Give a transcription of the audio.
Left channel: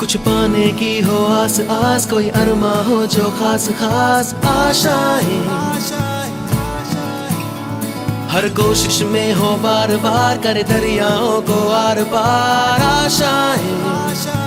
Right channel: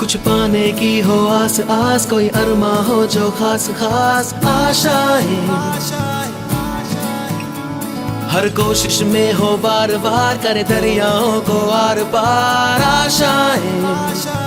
कुछ पाने की हो आस आस, कोई अरमा हो जो खास खास आशाएं, हर कोशिश में हो बार बार, करे दरियाओं को आर पार आशाएं।